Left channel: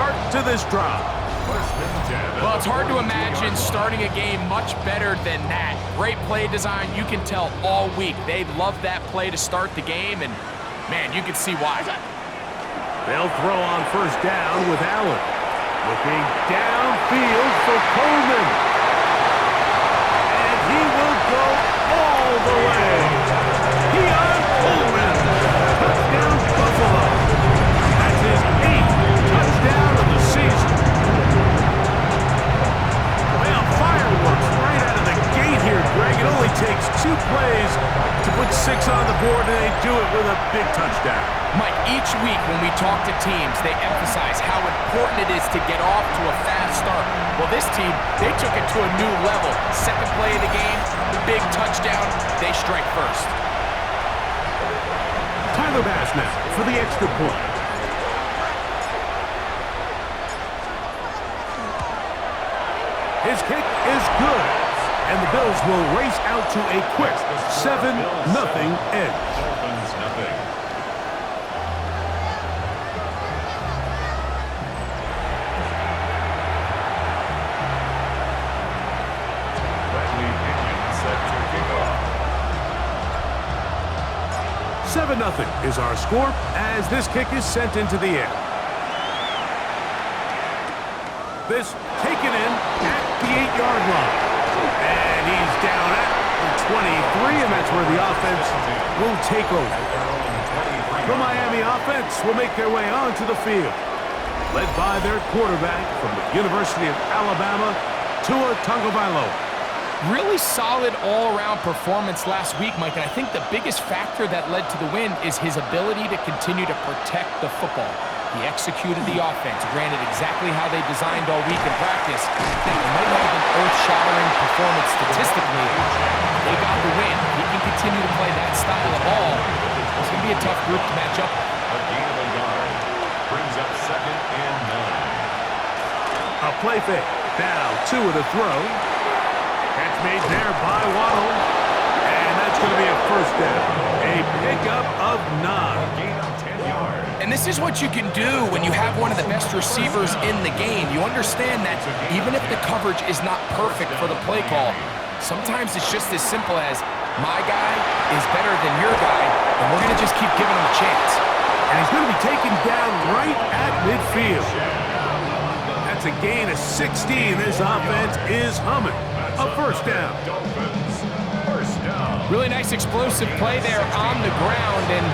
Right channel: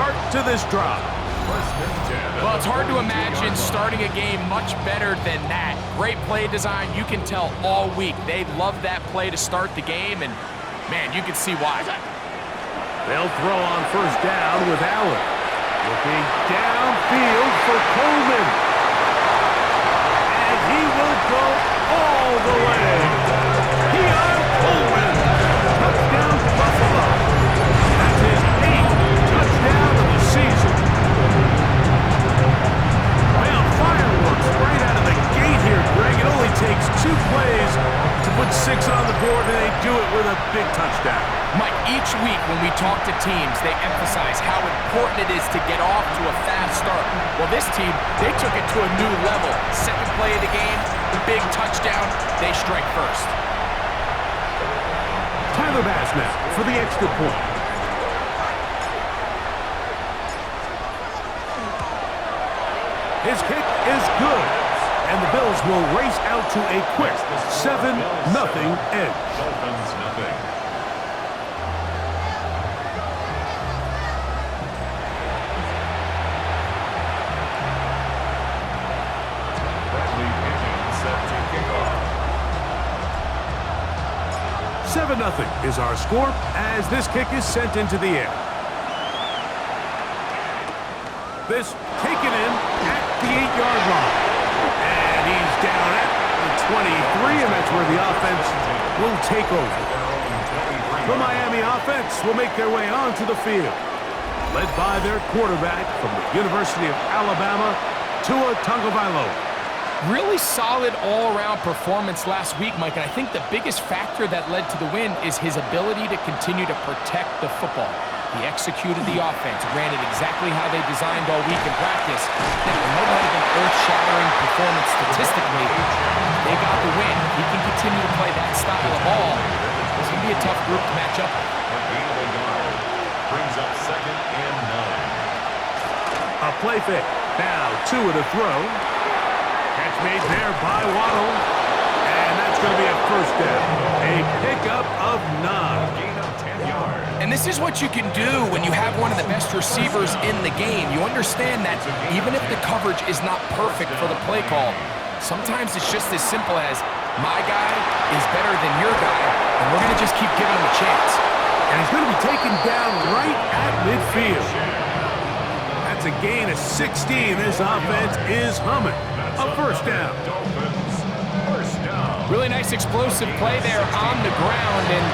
start to this drive. Well, it's hard to imagine starting a game much better than that. Great play design. You can tell all week they love that play to start the game, and, man, you can see why. They'll throw on first down with Allen. Looking downfield for Coleman. And he will go all the way. Keon Coleman. Touchdown, Buffalo. That's his 8th touchdown of the season. Well, fireworks right out of the gate here, Greg. It only takes 2 plays to put 6 on the board, and they do it with a big touchdown. Mike, each week when we talk to teams, they emphasize how important it is to get off to a fast start. Well, this team, they took it to a new level. Second play of the game, big touchdown, they strike first. Tyler Bass now for the extra point. His kick is good, and the Bills will race out to a quick 7-0 edge. Dolphins nothing. Set to kick off. 7-0 is our score as this kick is sent into the air. This taken in at the 8-yard line. And he's down at the 23, and that's where the offense will take over. The Miami offense will make their way onto the field, led by their quarterback from the University of Alabama, Tua Tagovailoa. Really solid all-around performance last week, Mike, and I think the biggest factor that led to the win is his ability to continue to protect the football. He executed the offense, ran it exactly how they designed all week in practice. Now, it might not have been earth-shattering performance statistically. They got the win. If he can continue to play that style of ball, it's going to be a tough group to match up with. A gain of a yard brings up 2nd and 9. A play fake. Now, Tua to throw. Catch made there by Waddle. And that's going to be a first down. A pickup of 9. A gain of 10 yards. And this is what you can do when you have one of the best receivers in the game. You understand that even if the coverage is not perfect for the play call, sometimes it's just as simple as my guy is better than your guy, and we're going to just keep giving him a chance. And he's going to be taken down right at midfield. That's a gain of 16. This offense is humming. A first down. Dolphins first down. Really nice explosive play there on the ground. And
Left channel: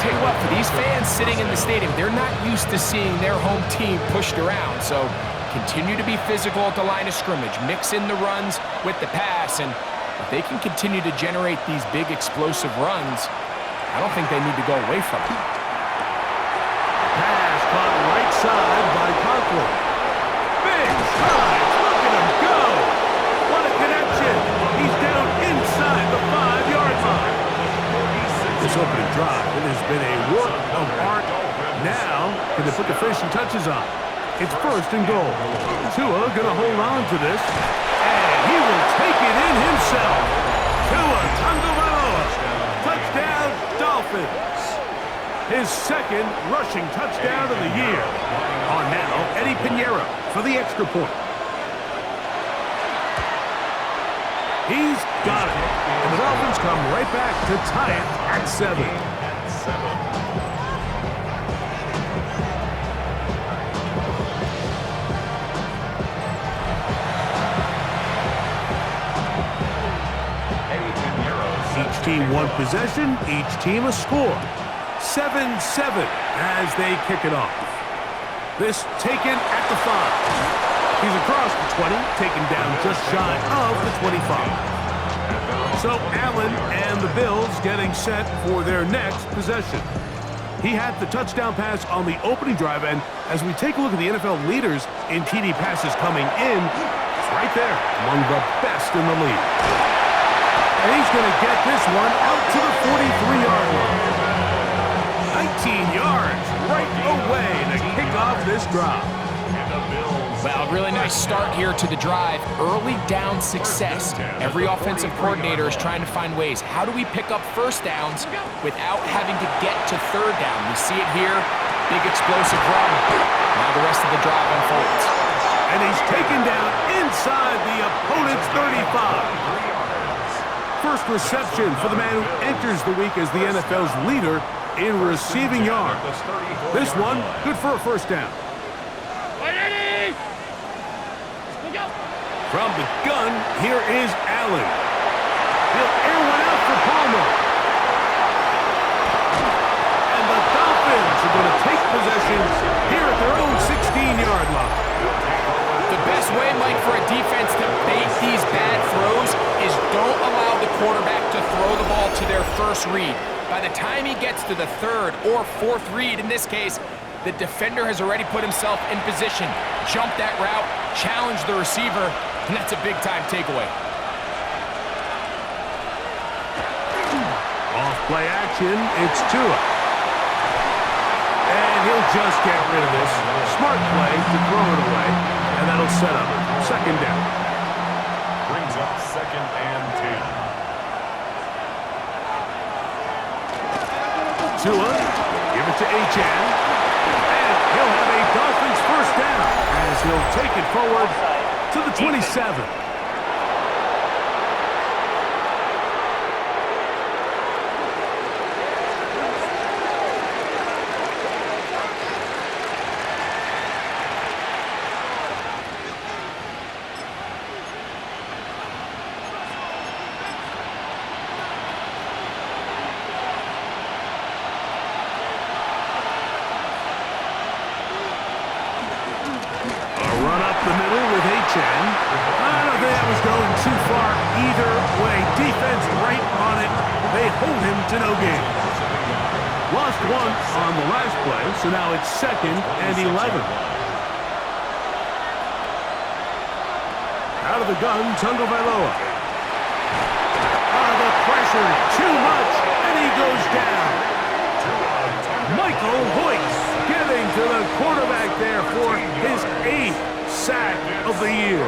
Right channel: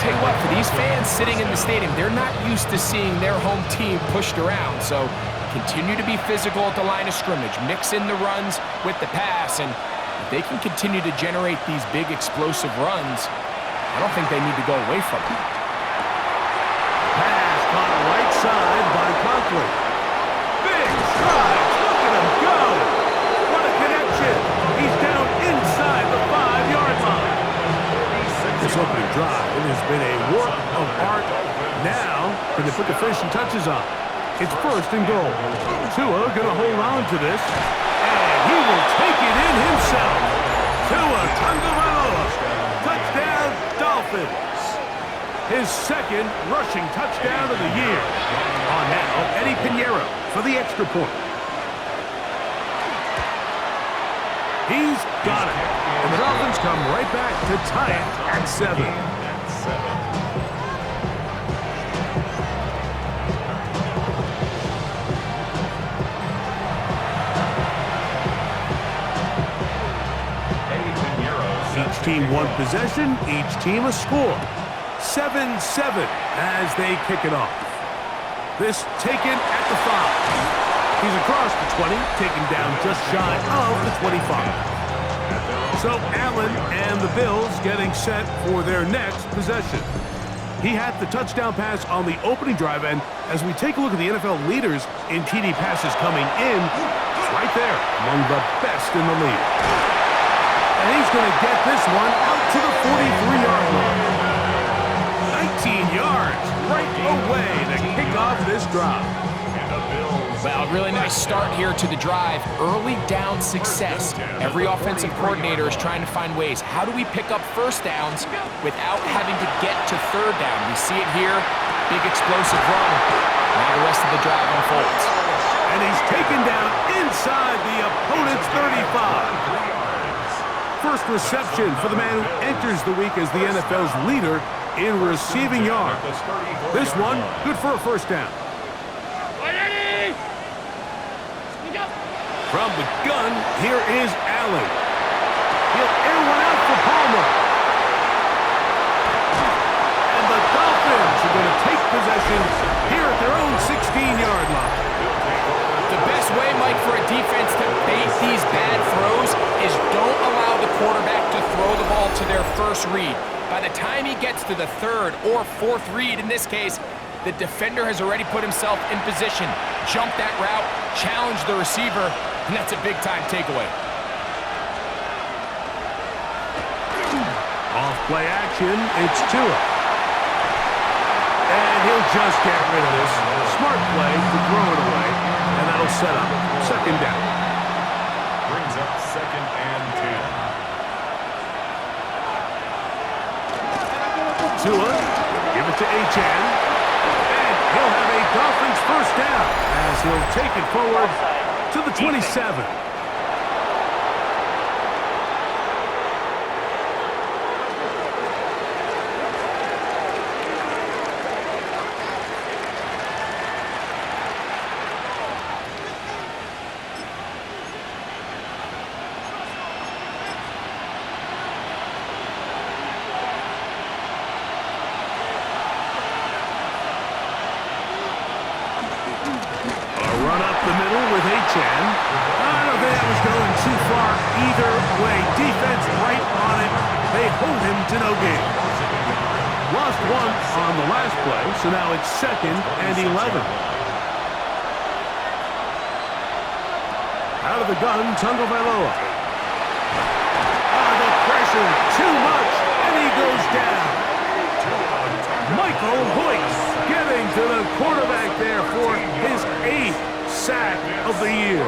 tell you what, for these fans sitting in the stadium, they're not used to seeing their home team pushed around. So continue to be physical at the line of scrimmage. Mix in the runs with the pass. And if they can continue to generate these big explosive runs, I don't think they need to go away from it. Pass caught right side by Conklin. Big strides. Look at him go. What a connection. He's down inside the 5-yard line. This opening drive, it has been a work of art. Now, can they put the finishing touches on? It's first and goal. Tua going to hold on to this, and he will take it in himself. Tua Tagovailoa. Touchdown, Dolphins. His 2nd rushing touchdown of the year. On now, Eddie Pinheiro for the extra point. He's got it. And the Dolphins come right back to tie it at 7. Each team one possession, each team a score. 7-7 as they kick it off. This taken at the 5. He's across the 20, taken down just shy of the 25. So Allen and the Bills getting set for their next possession. He had the touchdown pass on the opening drive, and as we take a look at the NFL leaders in TD passes coming in, it's right there among the best in the league. And he's going to get this one out to the 43-yard line. 19 yards right away to kick off this drive. Well, really nice start here to the drive. Early down success. Every offensive coordinator is trying to find ways. How do we pick up first downs without having to get to third down? We see it here big explosive run. Now the rest of the drive unfolds. And he's taken down inside the opponent's 35. First reception for the man who enters the week as the NFL's leader in receiving yards. This one, good for a first down. From the gun, here is Allen. He'll air one out for Palmer. And the Dolphins are going to take possession here at their own 16-yard line. The best way, Mike, for a defense to bait these bad throws is don't allow the quarterback to throw the ball to their first read. By the time he gets to the third or fourth read, in this case, the defender has already put himself in position, jumped that route, challenged the receiver, and that's a big-time takeaway. Off play action, it's Tua. And he'll just get rid of this. Smart play to throw it away, and that'll set up second down. Brings up 2nd and 10. Tua, give it to Achane. And he'll have a Dolphins first down as he'll take it forward to the 27. Run up the middle with Achane. I don't think that was going too far either way. Defense right on it. They hold him to no gain. Lost one on the last play, so now it's 2nd and 11. Out of the gun, Tagovailoa. The pressure, too much, and he goes down. Michael Hoyt getting to the quarterback there for his 8th sack of the year.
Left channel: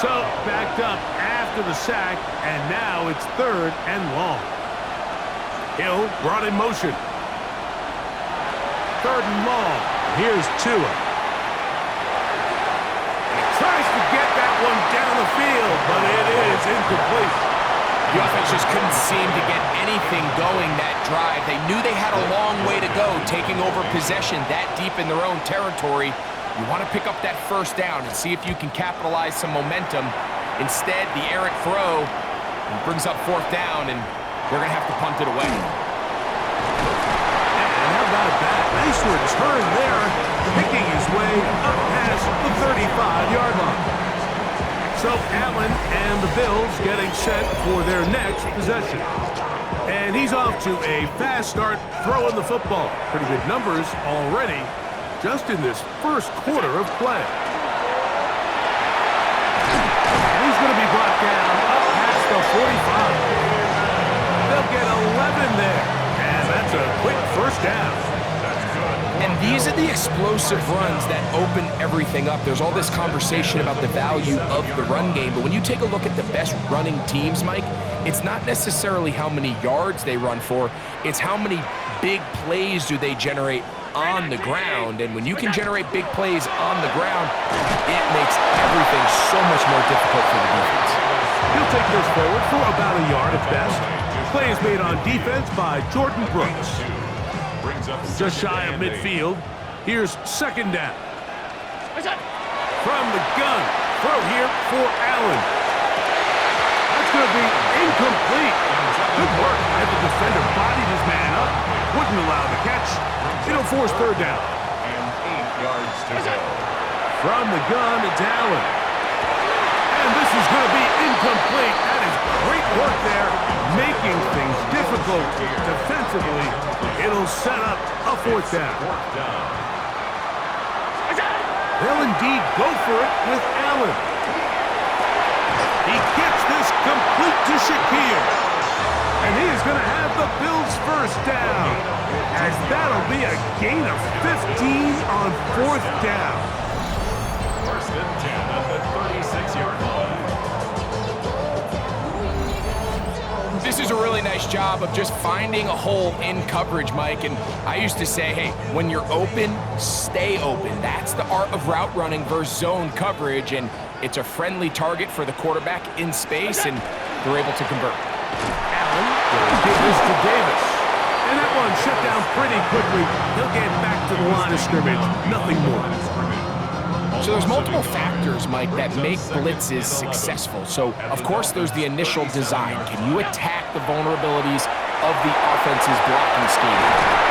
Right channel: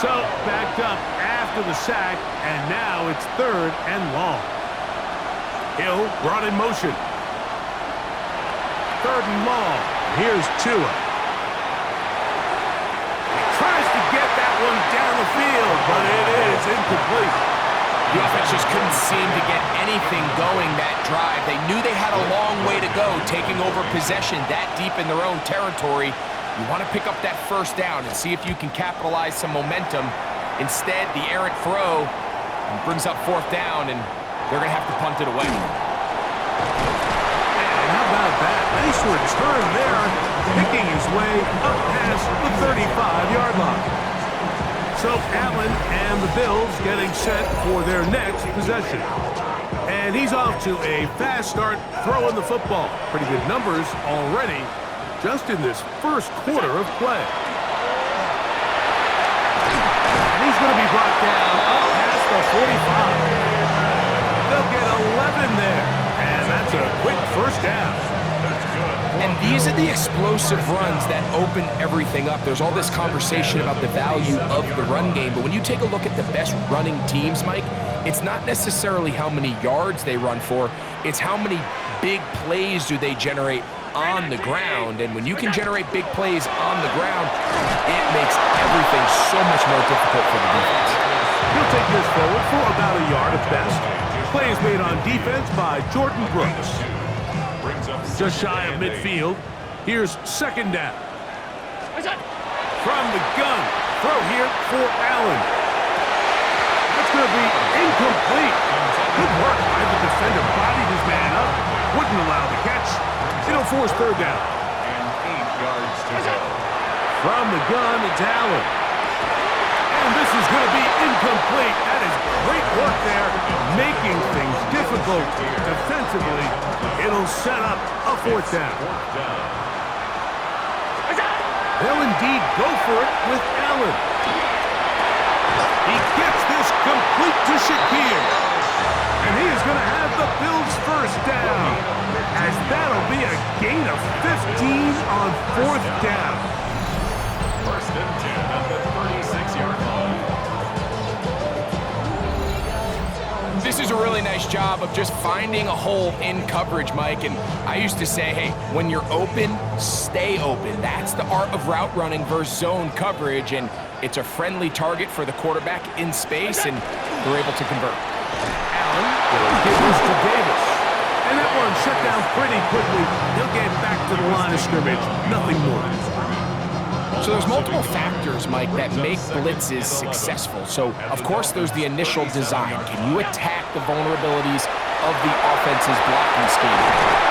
So backed up after the sack, and now it's 3rd and long. Hill brought in motion. 3rd and long. Here's Tua. He tries to get that one down the field, but it is incomplete. The offense just couldn't seem to get anything going that drive. They knew they had a long way to go, taking over possession that deep in their own territory. You want to pick up that first down and see if you can capitalize some momentum. Instead, the errant throw brings up 4th down, and they're going to have to punt it away. And how about that? Nice return there, picking his way up past the 35-yard line. So Allen and the Bills getting set for their next possession. And he's off to a fast start throwing the football. Pretty good numbers already just in this first quarter of play. And he's going to be brought down up past the 45. They'll get 11 there. And that's a quick first down. And these are the explosive runs that open everything up. There's all this conversation about the value of the run game, but when you take a look at the best running teams, Mike, it's not necessarily how many yards they run for, it's how many big plays do they generate on the ground. And when you can generate big plays on the ground, it makes everything so much more difficult for the defense. He'll take this forward for about a yard at best. Play is made on defense by Jordan Brooks. Just shy of midfield. Here's 2nd down. From the gun. Throw here for Allen. That's going to be incomplete. Good work by the defender. Bodied his man up. Wouldn't allow the catch. It'll force 3rd down. And 8 yards to go. From the gun, it's Allen. And this is going to be incomplete. That is great work there, making things difficult defensively. It'll set up a 4th down. They'll indeed go for it with Allen. He gets this complete to Shakir. And he is going to have the Bills first down, as that'll be a gain of 15 on 4th down. 1st and 10 at the 36-yard line. This is a really nice job of just finding a hole in coverage, Mike. And I used to say, hey, when you're open, stay open. That's the art of route running versus zone coverage. And it's a friendly target for the quarterback in space, and they're able to convert. Allen will give this to Davis. And that one shut down pretty quickly. He'll get back to the line of scrimmage. Nothing more. So there's multiple factors, Mike, that make blitzes successful. So, of course, there's the initial design. Can you attack the vulnerabilities of the offense's blocking scheme?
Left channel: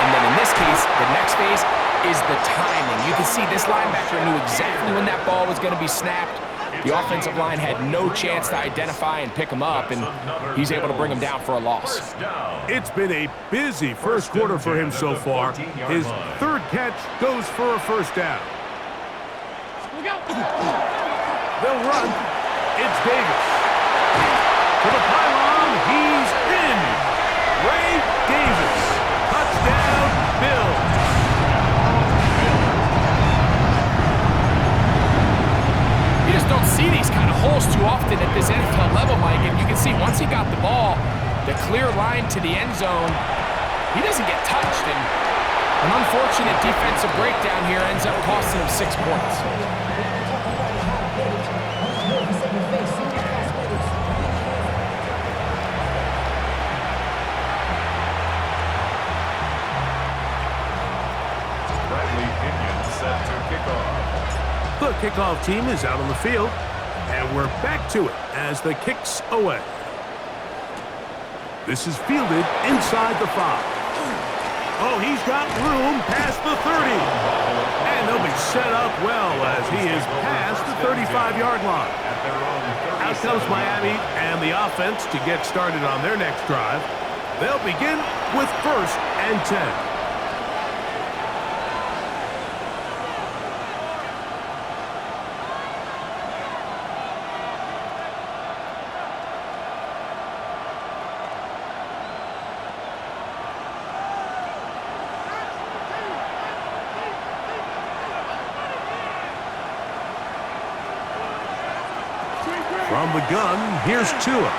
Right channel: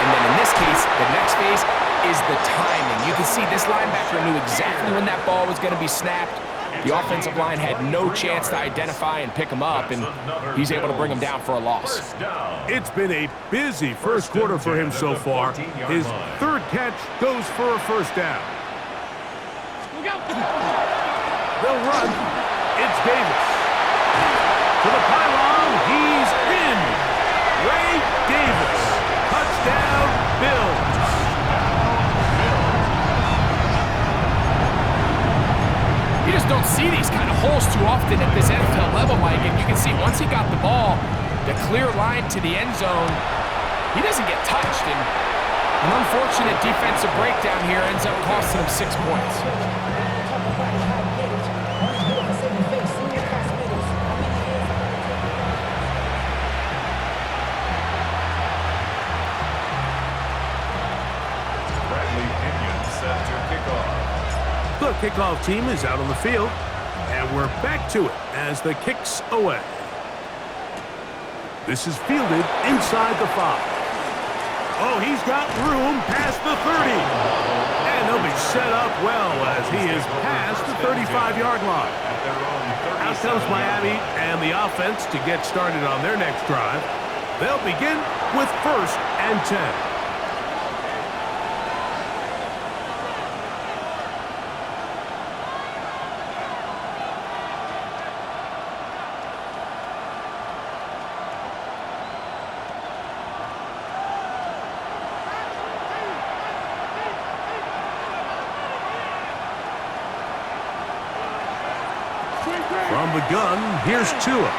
And then in this case, the next phase is the timing. You can see this linebacker knew exactly when that ball was going to be snapped. The offensive line had no chance to identify and pick him up, and he's able to bring him down for a loss. It's been a busy first quarter for him so far. His third catch goes for a first down. They'll run. It's Davis. To the pylon. He's in. Ray Davis. Touchdown, Bills. You just don't see these kind of holes too often at this NFL level, Mike. And you can see once he got the ball, the clear line to the end zone, he doesn't get touched. And an unfortunate defensive breakdown here ends up costing him 6 points. Set to kick off. The kickoff team is out on the field, and we're back to it as the kick's away. This is fielded inside the 5. Oh, he's got room past the 30. And they'll be set up well as he is past the 35-yard line. Out comes Miami and the offense to get started on their next drive. They'll begin with 1st and 10. From the gun, here's Tua. On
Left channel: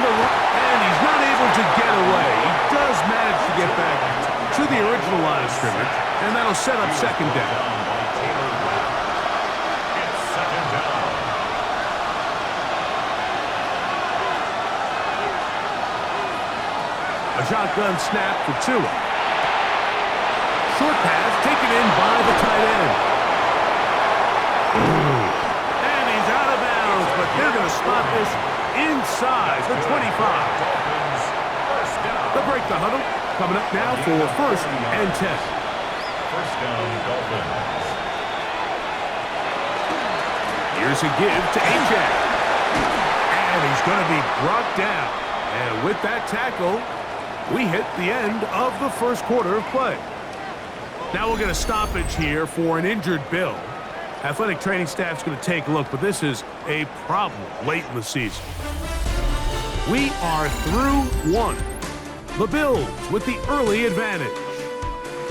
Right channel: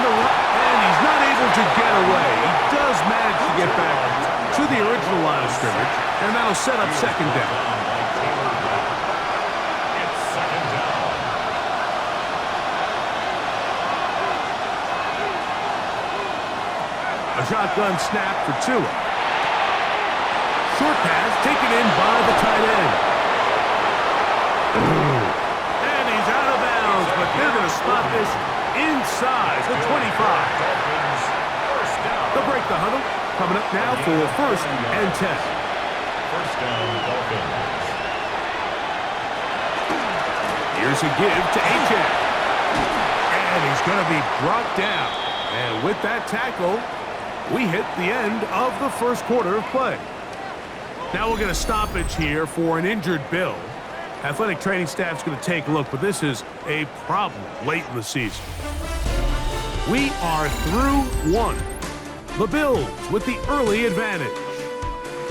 the run, and he's not able to get away. He does manage to get back to the original line of scrimmage, and that'll set up 2nd down. It's 2nd down. A shotgun snap for Tua. Short pass taken in by the tight end. And he's out of bounds, but they're going to spot this inside the 25. They'll break the huddle. Coming up now for 1st and 10. 1st down, Dolphins. Here's a give to Achane. And he's going to be brought down. And with that tackle, we hit the end of the first quarter of play. Now we'll get a stoppage here for an injured Bill. Athletic training staff's going to take a look, but this is a problem late in the season. We are through 1. The Bills with the early advantage.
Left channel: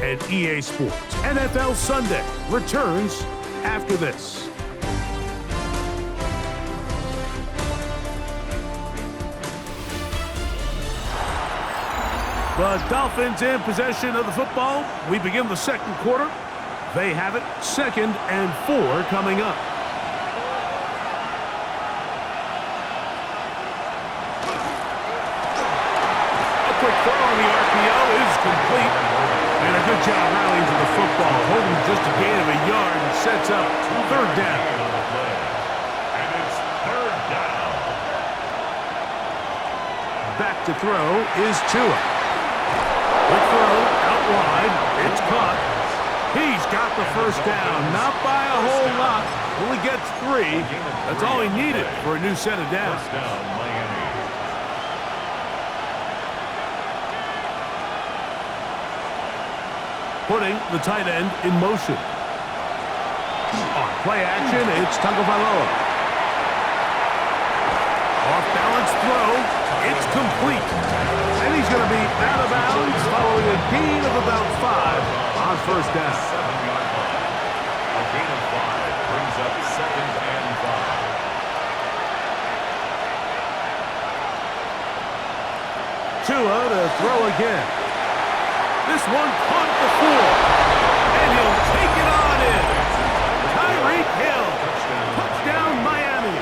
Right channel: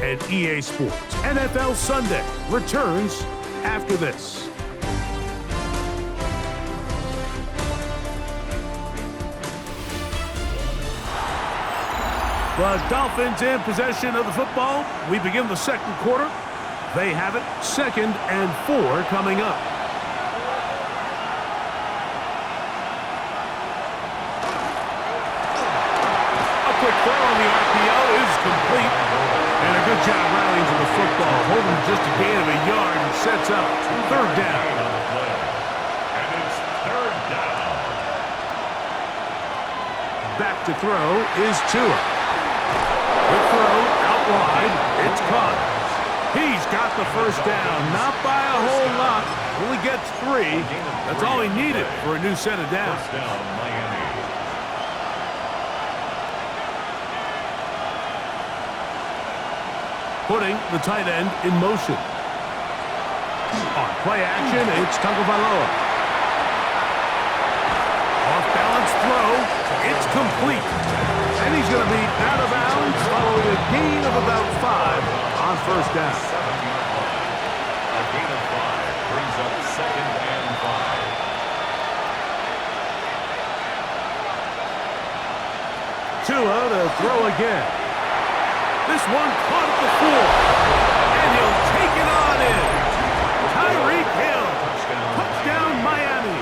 And EA Sports NFL Sunday returns after this. The Dolphins in possession of the football. We begin the second quarter. They have it. 2nd and 4 coming up. A quick throw on the RPO is complete. And a good job rallying to the football. Holding just a gain of a yard and sets up 3rd down. And it's 3rd down. Back to throw is Tua. Quick throw out wide. It's caught. He's got the first down. Not by a whole lot. Only gets 3. That's all he needed for a new set of downs. 1st down, Miami. Putting the tight end in motion. On play action, it's Tagovailoa. Off-balance throw. It's complete. And he's going to be out of bounds following a gain of about 5 on 1st down. 7-yard line. A gain of 5 brings up 2nd and 5. Tua to throw again. This one caught at the 4. And he'll take it on in. Tyreek Hill. Touchdown, Miami.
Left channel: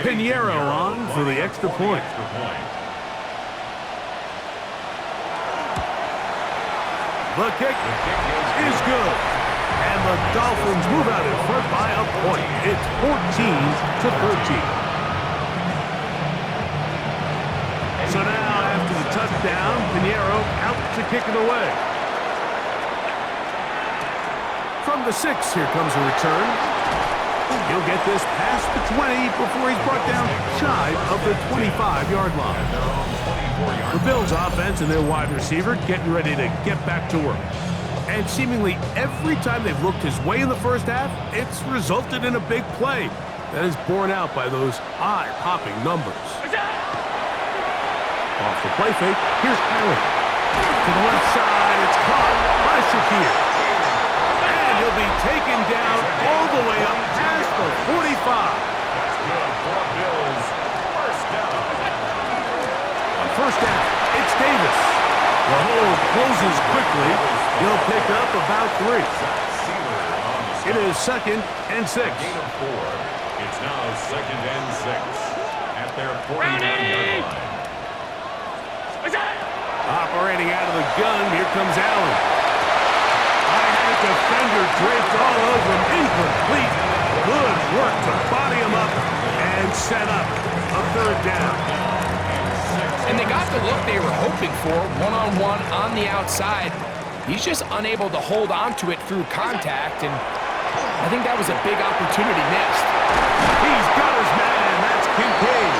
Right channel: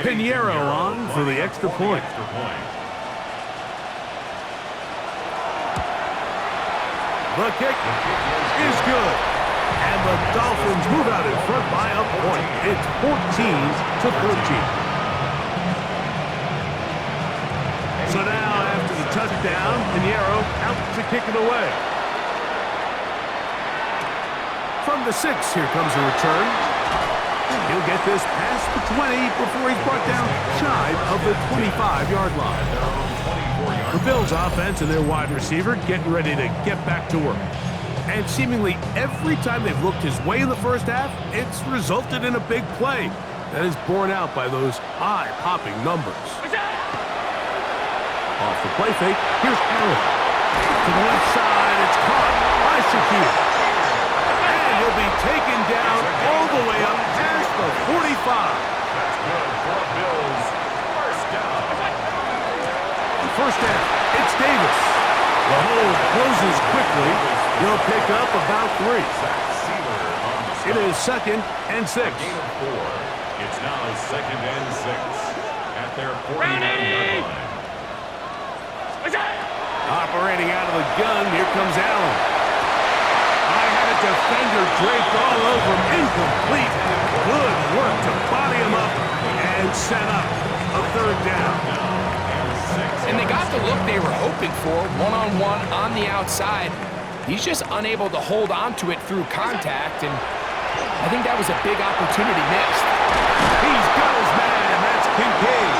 Pinheiro on for the extra point. The kick is good. And the Dolphins move out in front by a point. It's 14-13. So now after the touchdown, Pinheiro out to kick it away. From the 6, here comes a return. He'll get this past the 20 before he's brought down shy of the 25-yard line. The Bills' offense and their wide receiver getting ready to get back to work. And seemingly every time they've looked his way in the first half, it's resulted in a big play that is borne out by those eye-popping numbers. Off the play fake, here's Allen. To the left side, it's caught by Shakir. And he'll be taken down all the way up past the 45. That's good for Bills. First down. On first down, it's Davis. The hole closes quickly. He'll pick up about 3. It is 2nd and 6. Gain of 4. It's now 2nd and 6 at their 49-yard line. Operating out of the gun, here comes Allen. I had a defender draped all over him, incomplete. Good work to body him up and set up a 3rd down. And they got the look they were hoping for, one-on-one on the outside. He's just unable to hold on to it through contact, and I think that was a big opportunity missed. He's got his man. That's Kincaid.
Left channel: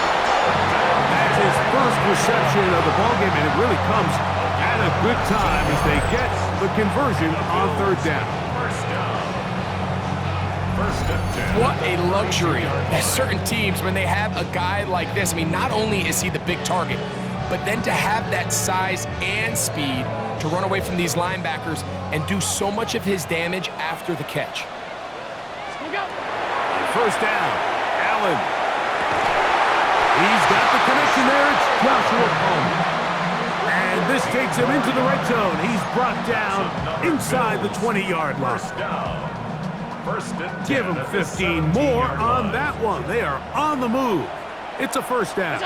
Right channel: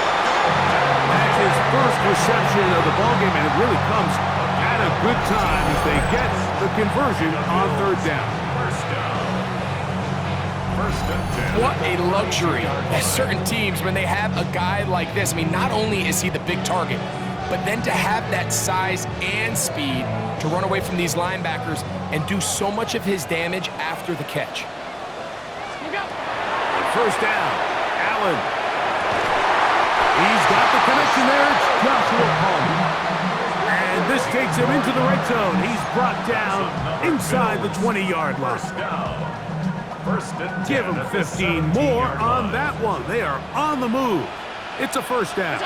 That's his first reception of the ballgame, and it really comes at a good time as they get the conversion on 3rd down. First down. 1st and 10. What a luxury. As certain teams, when they have a guy like this, I mean, not only is he the big target, but then to have that size and speed to run away from these linebackers and do so much of his damage after the catch. On 1st down, Allen. He's got the connection there. It's Joshua Palmer. And this takes him into the red zone. He's brought down inside the 20-yard line. First down. 1st and 10. Give him 15 more on that one. They are on the move. It's a 1st down.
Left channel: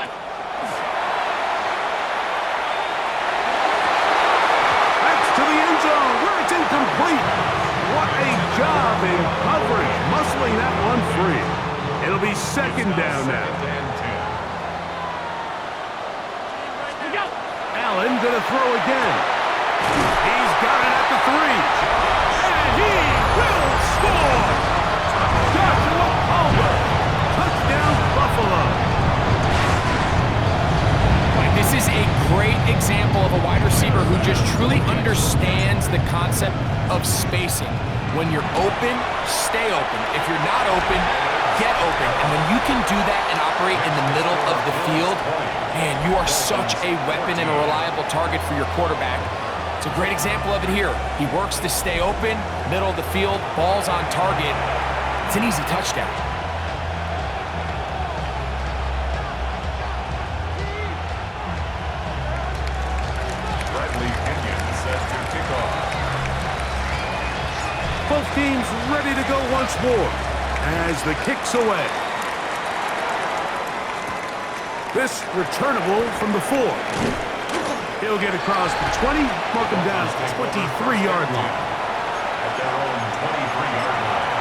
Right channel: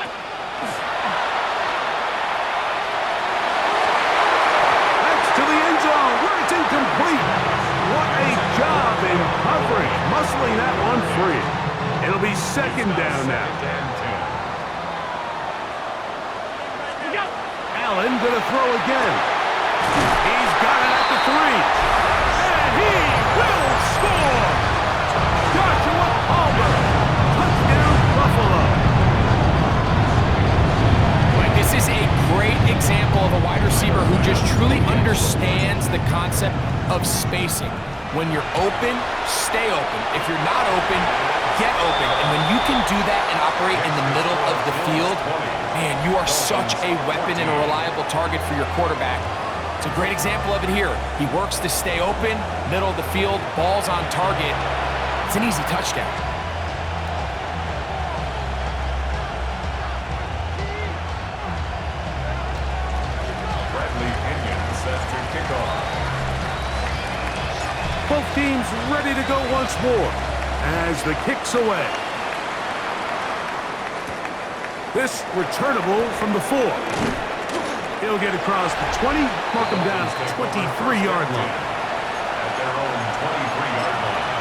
That's to the end zone where it's incomplete. What a job in coverage, muscling that one free. It'll be 2nd down now. Allen gonna throw again. He's got it at the 3. And he will score! Joshua Palmer. Touchdown, Buffalo. Like, this is a great example of a wide receiver who just truly understands the concept of spacing. When you're open, stay open. If you're not open, get open. And when you can do that and operate in the middle of the field, man, you are such a weapon and a reliable target for your quarterback. It's a great example of it here. He works to stay open, middle of the field, ball's on target. It's an easy touchdown. Bradley Pinion set to kick off. Both teams ready to go once more as the kick's away. This returnable from the 4. He'll get across the 20, mark him down at the 23-yard line. At their own 23-yard line.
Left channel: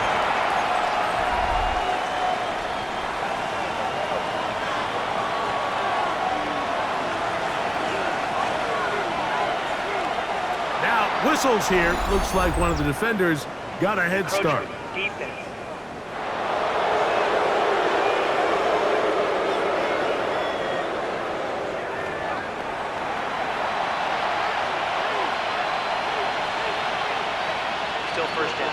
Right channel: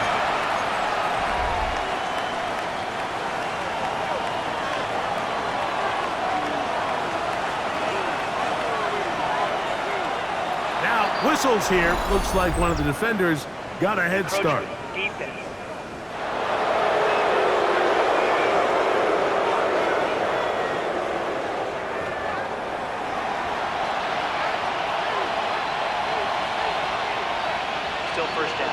Now, whistles here. Looks like one of the defenders got a head start. still first down.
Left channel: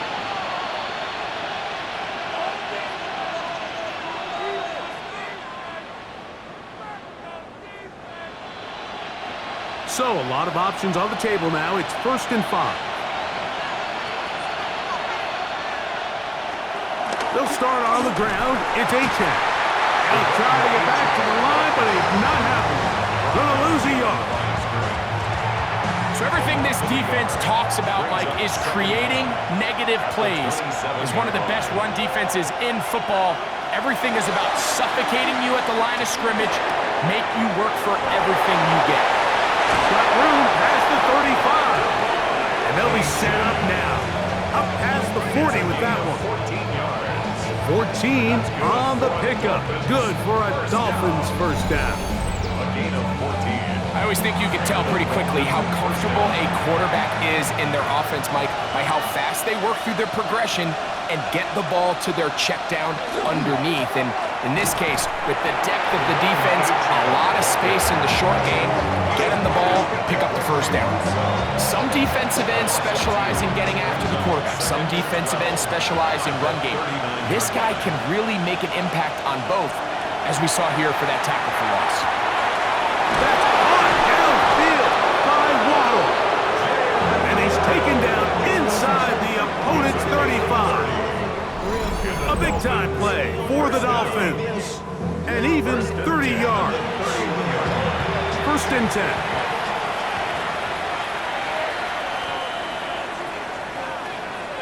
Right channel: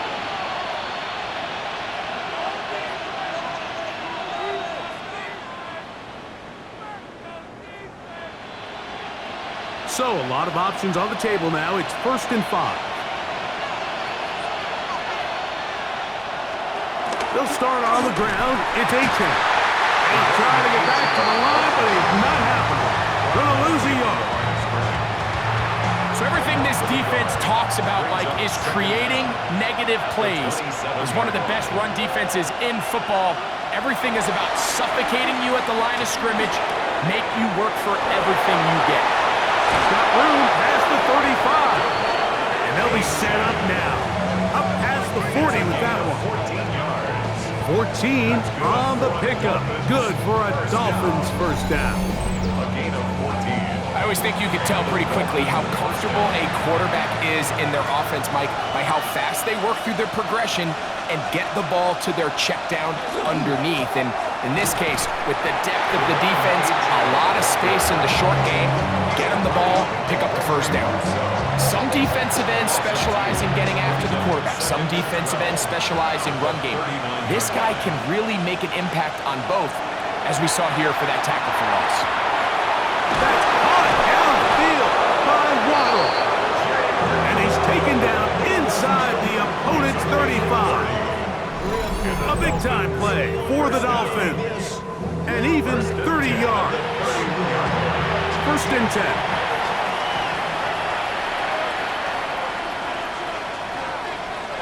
So, a lot of options on the table now. It's 1st and 5. They'll start on the ground. It's A-10. They'll try to get back to the line, but it's not happening. Gonna lose a yard. So everything this defense talks about, Mike, is creating negative plays. It's one of the best run defenses in football. Everything is about suffocating you at the line of scrimmage, make you work for everything you get. Got room past the 35. And they'll be set up now. Up past the 40 with that one. 14 on the pickup. Good for a Dolphins first down. A gain of 14. I always think you could tell pretty quickly how comfortable a quarterback is in their offense, Mike, by how fast they work through their progression and get the ball to their check down underneath. And in this case, with the depth of the defense, a lot of space in the short game, get them the ball, pick up the first down. Some defensive ends specialize in getting after the quarterback. Some defensive ends specialize in run game. This guy can really make an impact on both, as we saw here for that tackle for loss. That's caught downfield by Waddle. And he's taken down inside the opponent's 35. A big-time play for the Dolphins. And even 30 yards. 1st and 10.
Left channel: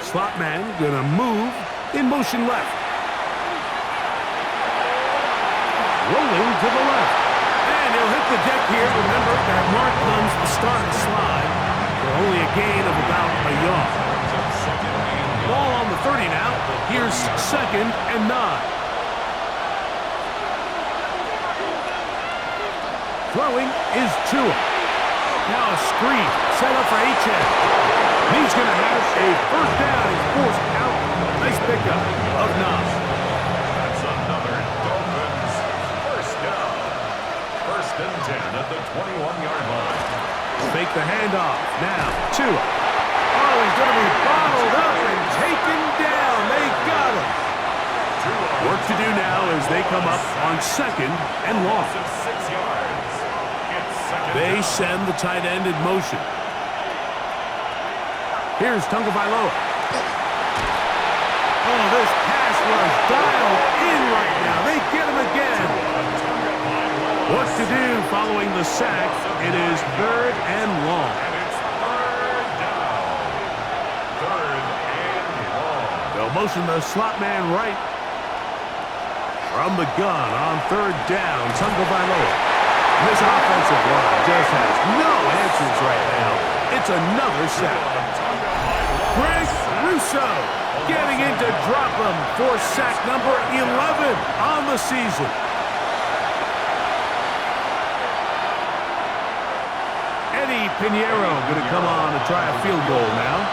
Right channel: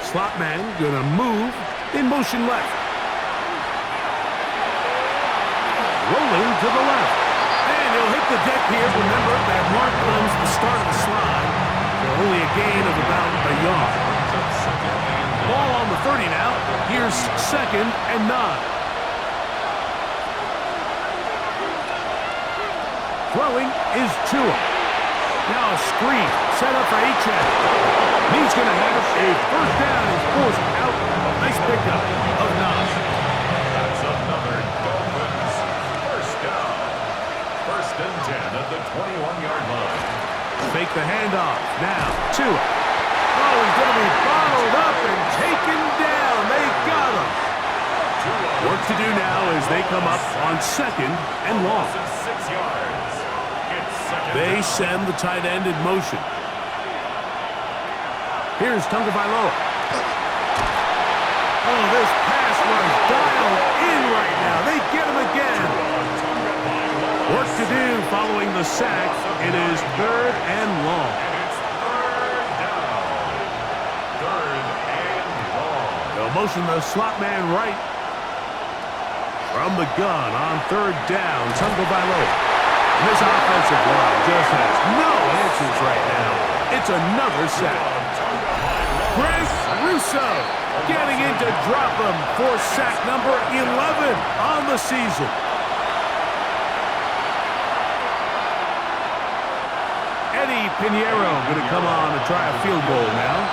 Slot man gonna move in motion left. Rolling to the left. And he'll hit the deck here. Remember, that mark comes the start of the slide for only a gain of about a yard. Ball on the 30 now. Here's 2nd and 9. Throwing is Tua. Now a screen set up for H.N. He's going to have a first down. He's forced out. Nice pickup of 9. That's another Dolphins first down. 1st and 10 at the 21-yard line. Fake the handoff. Now, Tua. Oh, he's going to be bottled up and taken down. They got him. Work to do now as they come up on 2nd and long. 6 yards. It's 2nd They down. send the tight end in motion. Here's Tagovailoa. Oh, this pass rush dialed in right now. They get him again. Work to do following the sack. It is 3rd and long. And it's 3rd down. 3rd and long. They'll motion the slot man right. From the gun on 3rd down, Tagovailoa. This offensive line just has no answers right now. It's another sack. Greg Russo getting in to drop him for sack number 11 on the season. Eddie Pinheiro going to come on to try a field goal now.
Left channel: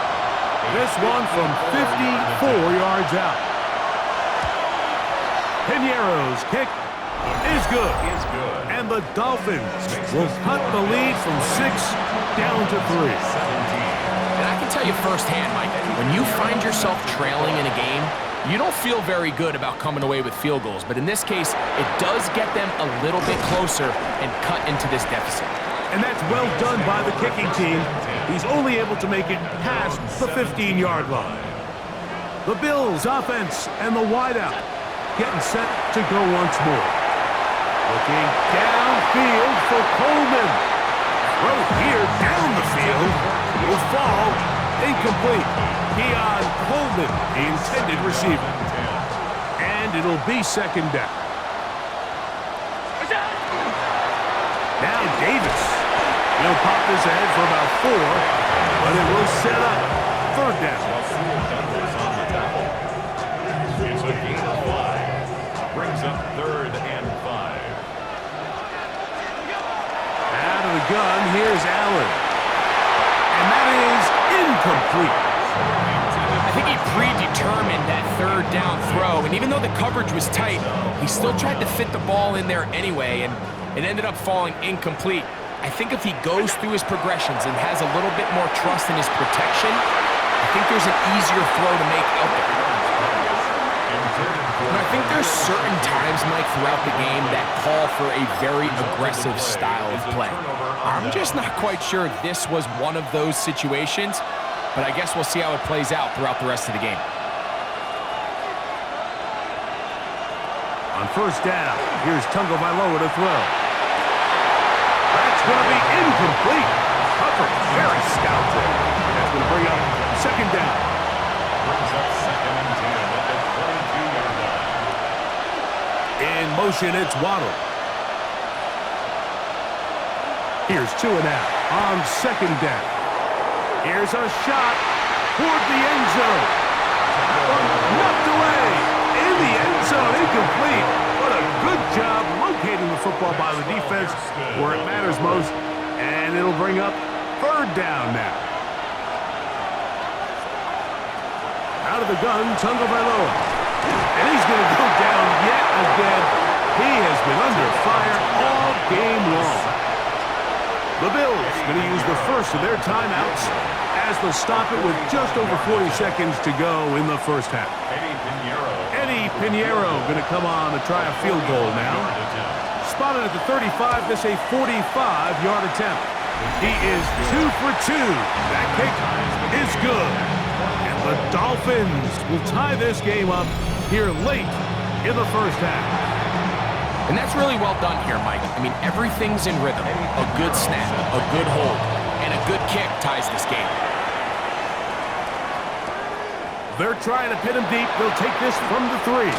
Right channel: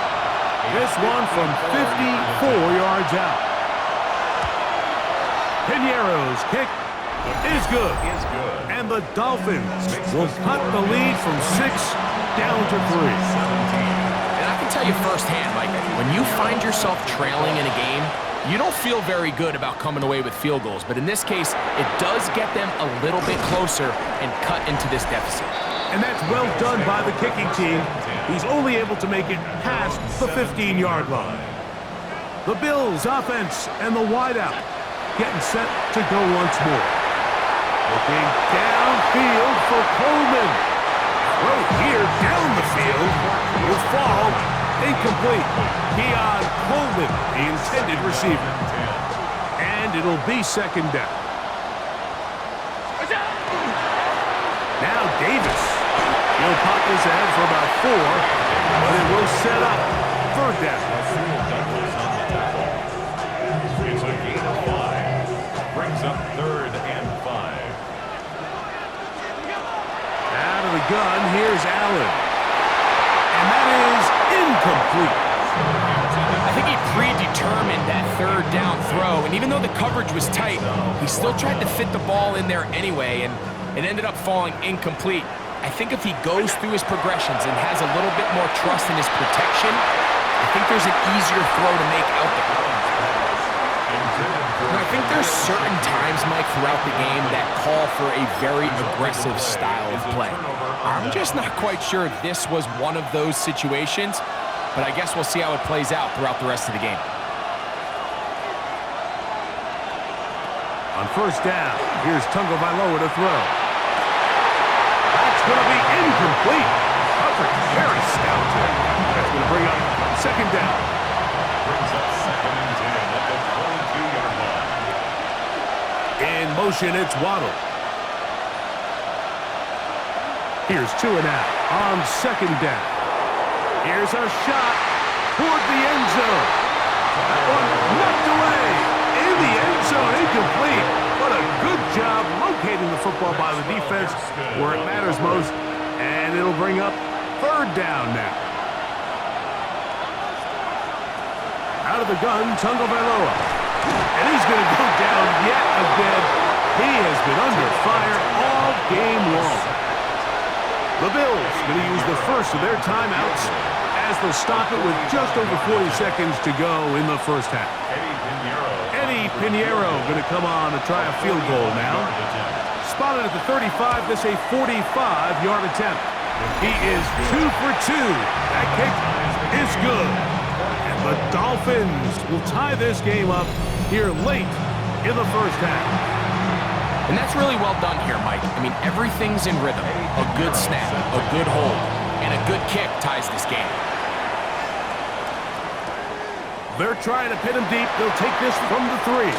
This one from 54 yards out. Pinheiro's kick is good. And the Dolphins will cut the lead from 6 down to 3. And I can tell you firsthand, Mike, when you find yourself trailing in a game, you don't feel very good about coming away with field goals. But in this case, it does get them a little bit closer and cut into this deficit. And that's well done by the kicking team. He's only able to make it past the 15-yard line. The Bills offense and the wideout getting set to go once more. Looking downfield for Coleman. Throw here down the field will fall incomplete. Keon Coleman, the intended receiver. And it'll be 2nd down. Now Davis. He'll pop this ahead for about 4, but it will set up 3rd down. Douglas on the tackle. It's a gain of 5. Brings up 3rd and 5. Out of the gun, here's Allen. And that is incomplete. I think he predetermined that 3rd down throw, and even though the coverage was tight, he still tried to fit the ball in there anyway, and it ended up falling incomplete. I think if he goes through his progressions and has a little bit more trust in his protection, I think there's an easier throw to make out there. I think there's certain times, Mike, throughout the game that call for a very aggressive style of play. I'm just not quite sure if this was one of those situations, but I guess we'll see how it plays out throughout the rest of the game. On first down, here's Tagovailoa to throw. That's going to be incomplete. Coverage very stout there. That's going to bring up second down. Brings up 2nd and 10 at the 22-yard line. In motion, it's Waddle. Here's 2 and out on second down. Here's a shot toward the end zone. That one knocked away. In the end zone, incomplete. What a good job locating the football by the defense where it matters most. And it'll bring up third down now. Out of the gun, Tagovailoa. And he's going to go down yet again. He has been under fire all game long. The Bills going to use the first of their timeouts as they'll stop it with just over 40 seconds to go in the first half. Eddie Pinheiro going to come on to try a field goal now. Spotted at the 35, this a 45-yard attempt. He is 2 for 2. That kick is good. And the Dolphins will tie this game up here late in the first half. And that's really well done here, Mike. I mean, everything's in rhythm. A good snap, a good hold, and a good kick ties this game. They're trying to pin him deep. They'll take this from the 3.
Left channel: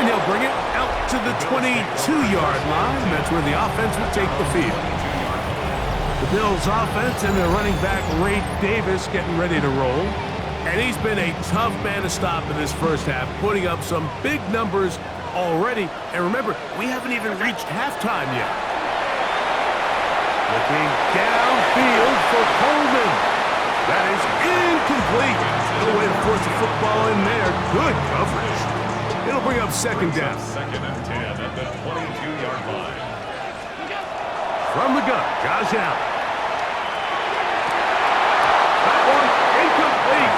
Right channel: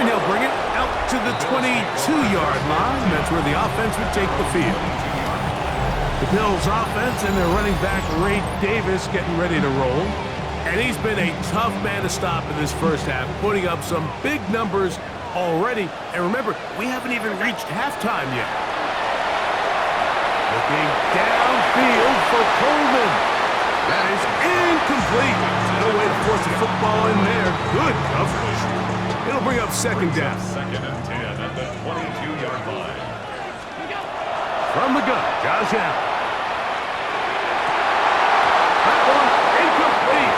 And he'll bring it out to the 22-yard line. That's where the offense will take the field. The Bills offense and their running back, Ray Davis, getting ready to roll. And he's been a tough man to stop in this first half, putting up some big numbers already. And remember, we haven't even reached halftime yet. Looking downfield for Coleman. That is incomplete. No way to force the football in there. Good coverage. It'll bring up second down. 2nd and 10 at the 22-yard line. From the gun, Josh Allen. That one incomplete.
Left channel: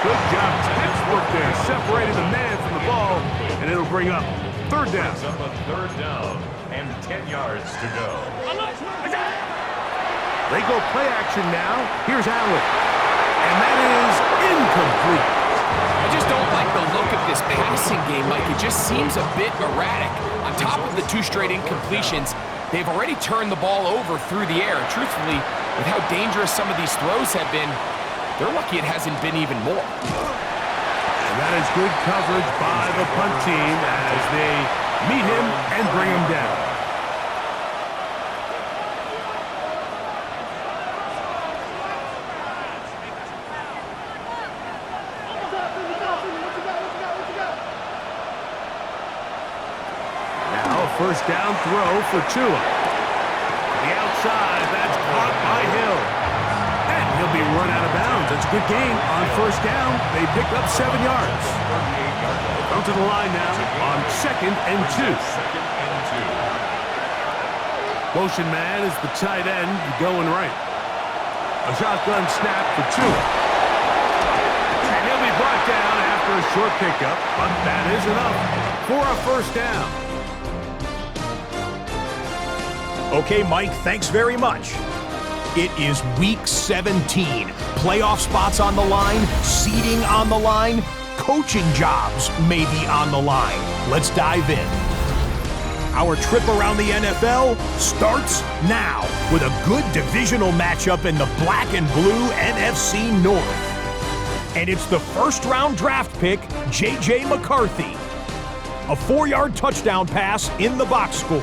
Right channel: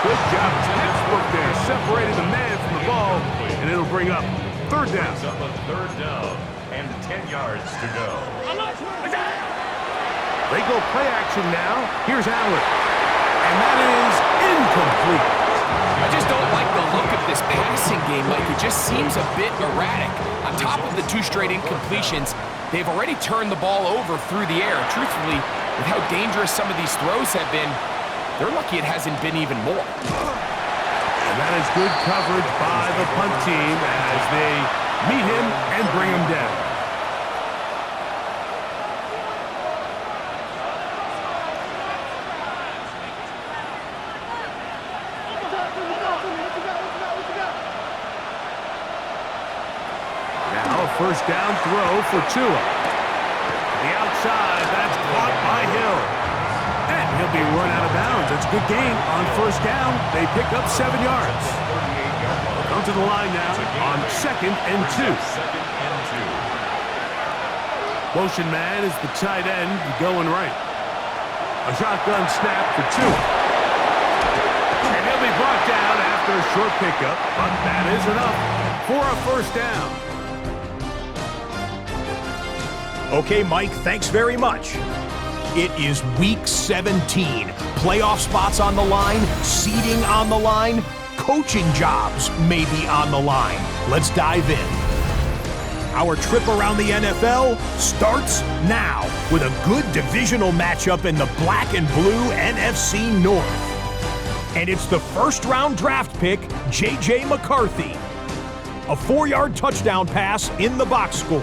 Good job, textbook there, separating the man from the ball, and it'll bring up third down. Brings up a third down and 10 yards to go. They go play action now. Here's Allen. And that is incomplete. I just don't like the look of this passing game, Mike. It just seems a bit erratic. On top of the 2 straight incompletions, they've already turned the ball over through the air. And truthfully, with how dangerous some of these throws have been, they're lucky it hasn't been even more. And that is good coverage by the punt team as they meet him and bring him down. Now a first down throw for Tua. The outside, that's caught by Hill. And he'll be run out of bounds. That's a good gain on first down. They pick up 7 yards. Come to the line now on 2nd and 2. Motion man is the tight end going right. A shotgun snap for Tua. And he'll be brought down after a short pickup, but that is enough for a first down. Okay, Mike, thanks very much. It is Week 17. Playoff spots on the line, seeding on the line, coaching jobs may be on the line. Let's dive in. Our trip around the NFL starts now with a good divisional matchup in the black and blue NFC North. And it's the first-round draft pick, J.J. McCarthy. A 4-yard touchdown pass in the box score.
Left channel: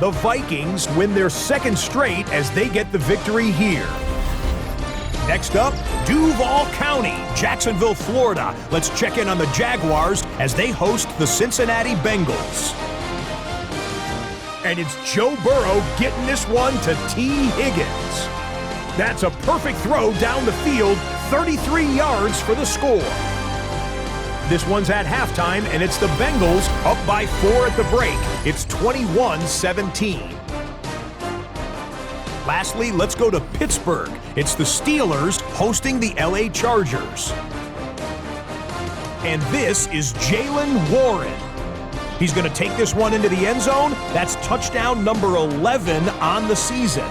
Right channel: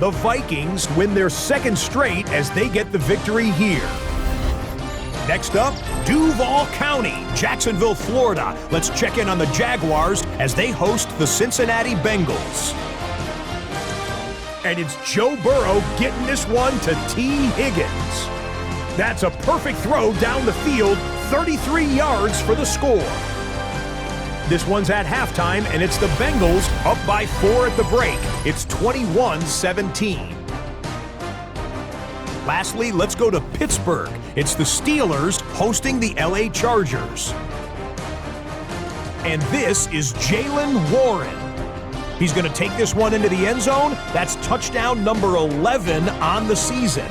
The Vikings win their 2nd straight as they get the victory here. Next up, Duval County, Jacksonville, Florida. Let's check in on the Jaguars as they host the Cincinnati Bengals. And it's Joe Burrow getting this one to T. Higgins. That's a perfect throw down the field, 33 yards for the score. This one's at halftime, and it's the Bengals up by 4 at the break. It's 21-17. Lastly, let's go to Pittsburgh. It's the Steelers hosting the LA Chargers. And this is Jaylen Warren. He's going to take this one into the end zone. That's touchdown number 11 on the season.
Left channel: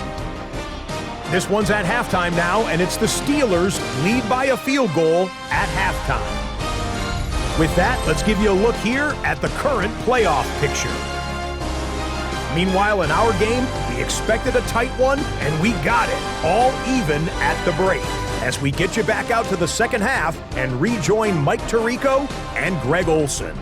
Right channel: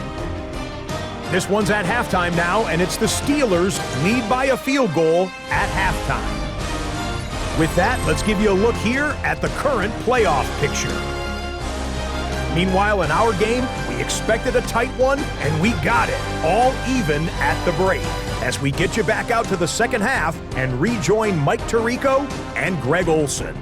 This one's at halftime now, and it's the Steelers lead by a field goal at halftime. With that, let's give you a look here at the current playoff picture. Meanwhile, in our game, we expected a tight one, and we got it, all even at the break, as we get you back out to the second half and rejoin Mike Tirico and Greg Olson.